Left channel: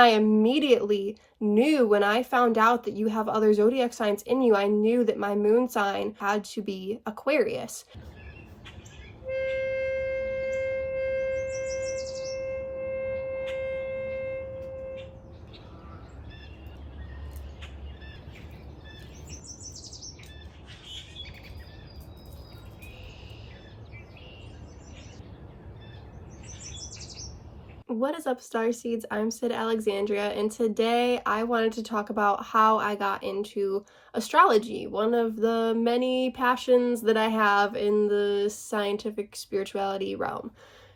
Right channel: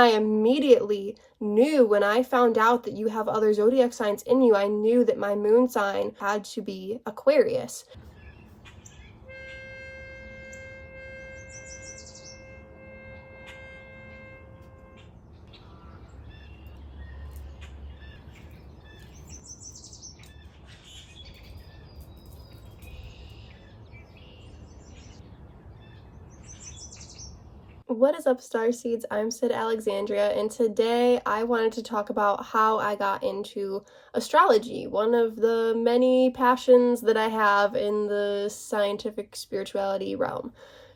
I immediately knew when I found out that you have other zodiac signs in you, I knew that my moon sign had to be Aquarius. What is up, Starseeds? I'm Sydalexandria, and today I wanted to talk about how I got into astrology, one of the many passions that I have in the scientific spirituality realm.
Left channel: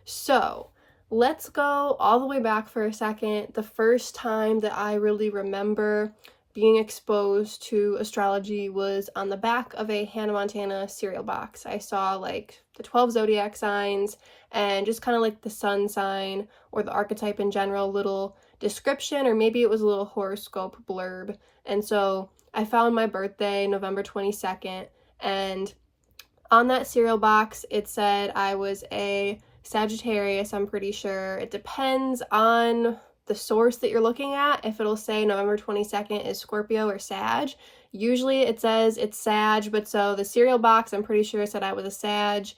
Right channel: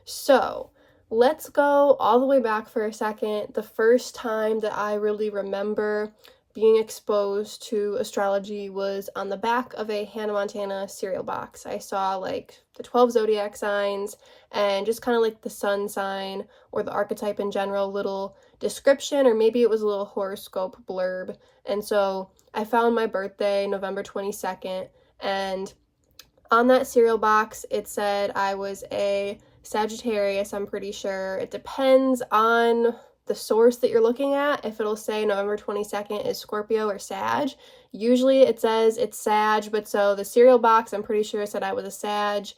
So, let's go all the way back for a second. The first time that I really remember being exposed to astrology was on the back of a Hannah Montana cereal box. I saw like the 12 zodiac signs and just kind of like the sun sign or the archetype in general, little description, or maybe it was a little horoscope blurb. And so I found my birthday, November 22nd, and on that cereal box it said I was a Sagittarius, I'm pretty sure. It depends on the source that you're looking at, if it'll say November 22nd is Scorpio or Sag. Usually it says it's Sag, but so the cereal box, I'm pretty sure, said I was a Sag.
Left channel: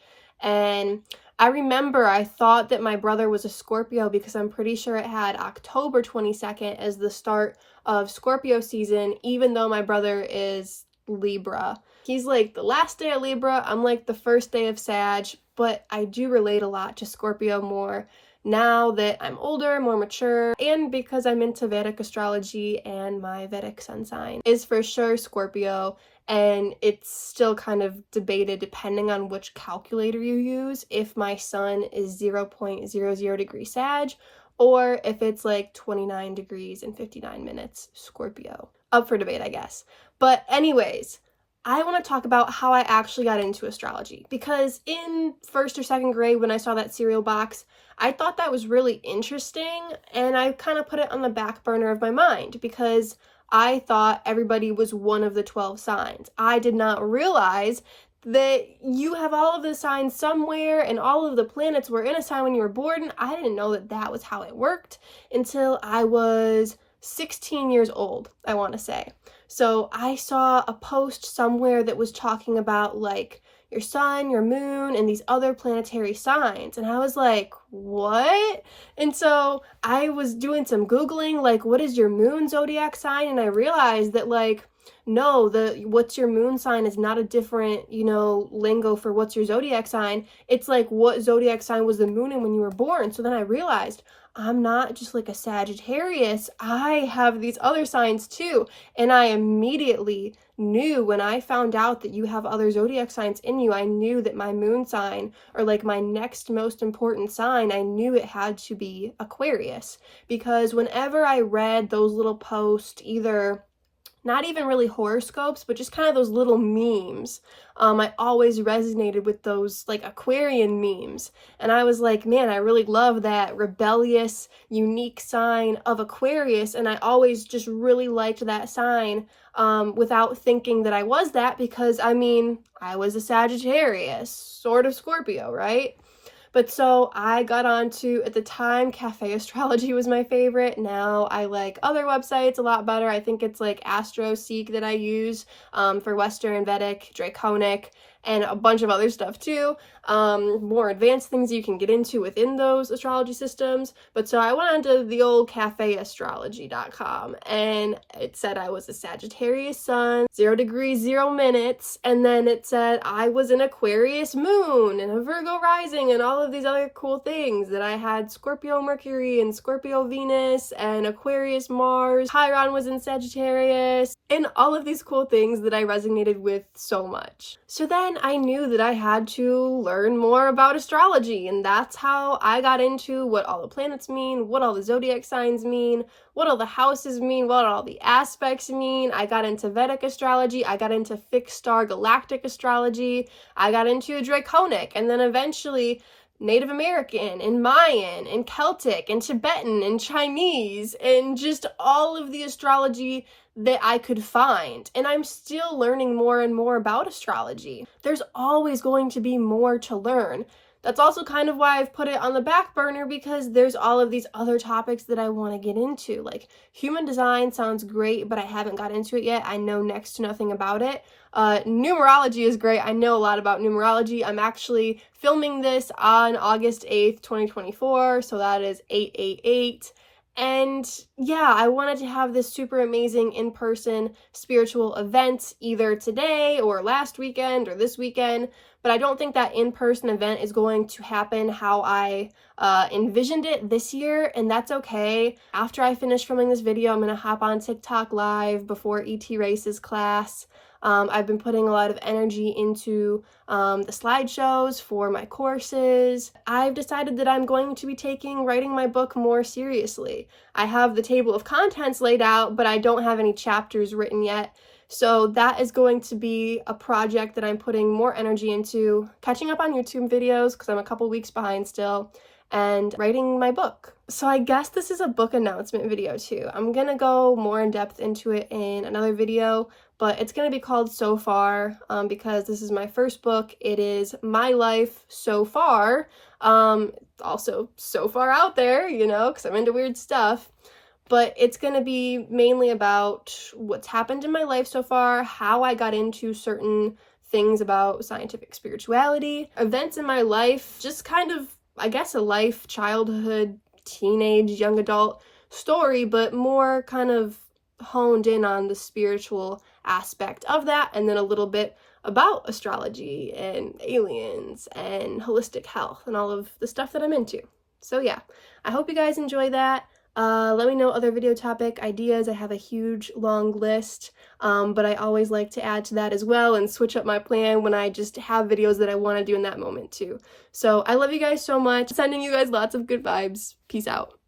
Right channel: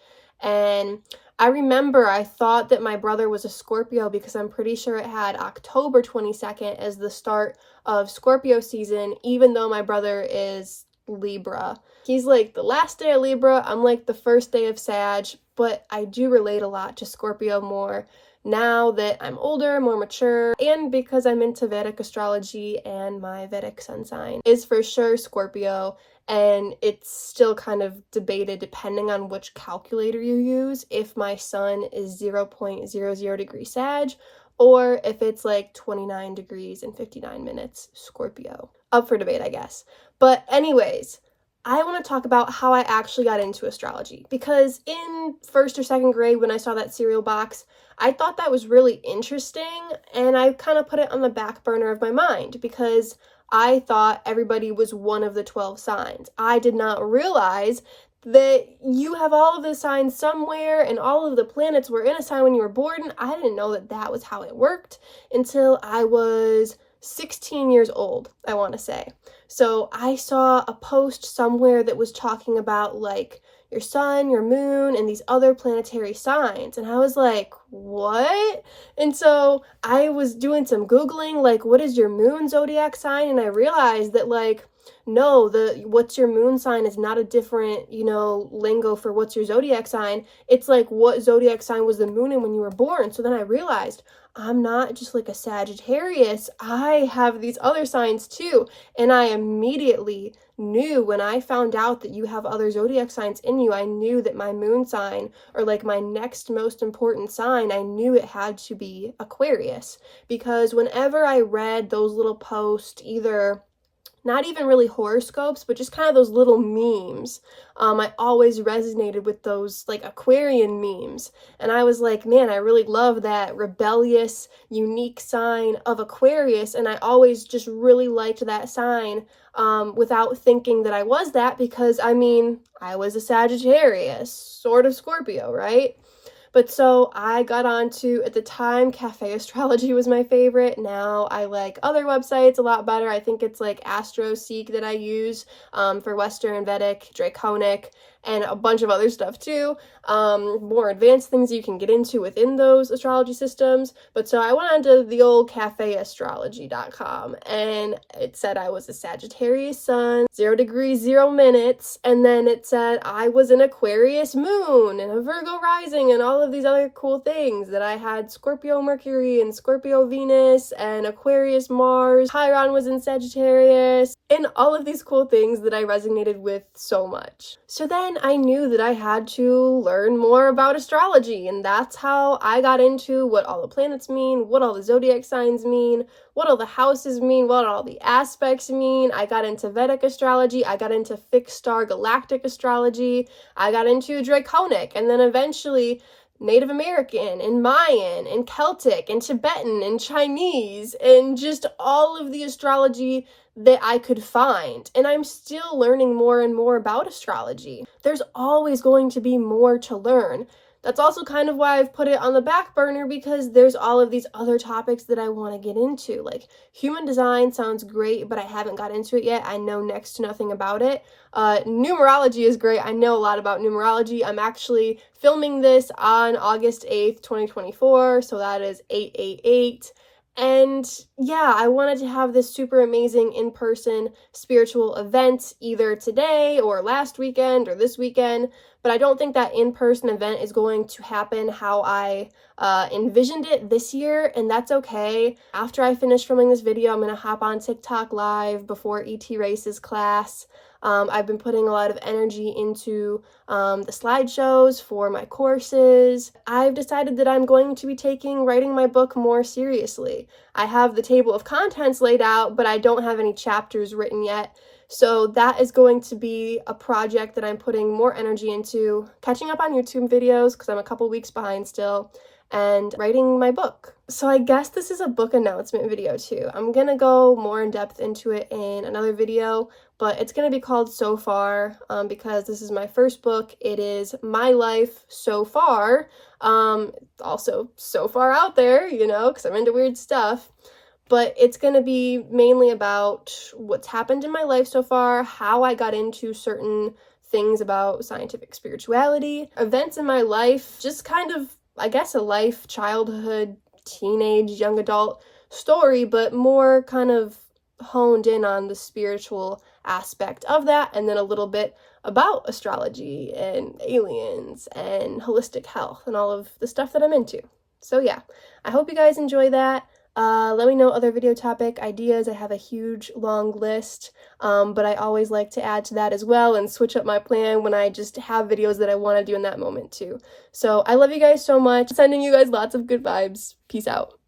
And I remember I thought that my brother was a Scorpio because I'm pretty sure it had October 22nd as the start of Scorpio season, even though my brother is Libra. He's like the last day of Libra, I'm like the first day of Sag, but I do relate a lot to Scorpio more now that I'm older, more mature, and because I'm into Vedic astrology, and my Vedic sun sign is for sure Scorpio, and it's still kind of debated depending on which calculator you use, if my sun is 0.00 degrees Sag, or if it's like 29 degrees and 59 minutes Scorpio. Up for debate, I guess. But anyways, I want to talk about how I actually got into astrology, because in first or second grade when I saw that cereal box, I thought that was really interesting, and I kind of put it on the back burner of my mind because I thought everybody was one of the 12 signs. I did not realize that you have all of the signs somewhere and all of the planets were in a sign when you were born. I didn't know that that was how it worked until I was 16 years old, I want to say. So I saw a post somewhere that was talking about like your sun, your moon, and these other planetary signs. And I was like, what? And so I was doing some Googling, like, what is your moon zodiac sign? And I realized that, like, no, the what's your moon sign is not a different, lingo for what's your zodiac sign. It's like what zodiac sign was the moon in when you were born. So then I realized I'm not just like a Sagittarius. I have these other signs too. And I immediately knew when I found out that you have other zodiac signs in you, I knew that my moon sign, or like my next most important sign, I knew it had to be Aquarius. Because whenever I read those little posts, either not even really horoscopes, but just kind of those little memes. I always resonated with those like Aquarian memes. And I was like, man, I really love that rebellious, unique sign of Aquarius. And I always just really liked that sign without thinking that I was that, because I mean, I was a Sagittarius, sort of Scorpio, right? But so I got onto, at the time, Cafe Astrology was my favorite. Now I like other websites a lot better. I think it's like AstroSeek that I use for Western, Vedic, Draconic, and a bunch of other stuff too. More advanced things you can get into within those astrology systems. But so I went onto the old cafeastrology.com, and it said I was a Sagittarius sun, 0 degrees, 0 minutes, and then it said I was an Aquarius moon and a Virgo rising and all of these other cool things, that I had Scorpio Mercury and Scorpio Venus and Aquarius Mars, Chiron was in Sagittarius, and all of these cool things that I resonated with so much. So then I knew that I had to learn more about astrology, and that's how I got into what all the planets mean, what all the zodiac signs mean, what all the houses mean, what all the aspects mean. I got into Vedic astrology, I got into fixed star galactic astrology, I got into Draconic, and then eventually Native American and Mayan and Celtic and Tibetan and Chinese, and just all of the astrology that I could find. And I'm still learning more and more about astrology. There's always going to be more to learn. That's also kind of why I've put it on the back burner, because there's all of these other topics that I want to get into. Like human design sounds great, but I haven't got into it yet. I know next to nothing about it. Numerology is great. I know a lot about numerology. I'm actually filming this on August 8th, 2024, so that is 888. And yeah, I wanted to have this super amazing in-person spiritual event either today or last weekend or this weekend, but I don't think that in-person event is going to happen how I envisioned it this year, and that's okay. After I finish filming this video, I'm going to hop on TikTok live before ET Races class. I've been putting a lot of energy into the slideshows for my courses. I've decided that I'm going to be taking writing my book more seriously. I have the table of contents laid out, but I don't have any chapters written yet. So that is going to be a project that I'm putting more energy into, catching up on YouTube videos because I'm a couple weeks behind still, and writing my book. So I guess this is a book announcement video too. I'm gonna go more in depth into it in another video, but it's gonna be called So Far because this is my first book. It is my life so far. Also so far out there, you know, because I'm into weird stuff. But it's going to be mainly about what's happened in my life so far, how I got into certain things about scientific spirituality, events in my life, just kind of, I guess, a life, childhood, teenage, young adult story, but more kind of honed in on the spiritual aspect of that, and then a little bit about astrology and aliens and holistic health and all of the stuff that I'm into. So yeah, I hope you guys enjoy that. Let me know other video topic ideas. I have a huge long list, but I always like to add to that as well and switch up my plan when I just have videos that I want to do in that moment too. So I love you guys so much. Sending you guys lots of good vibes. Peace out.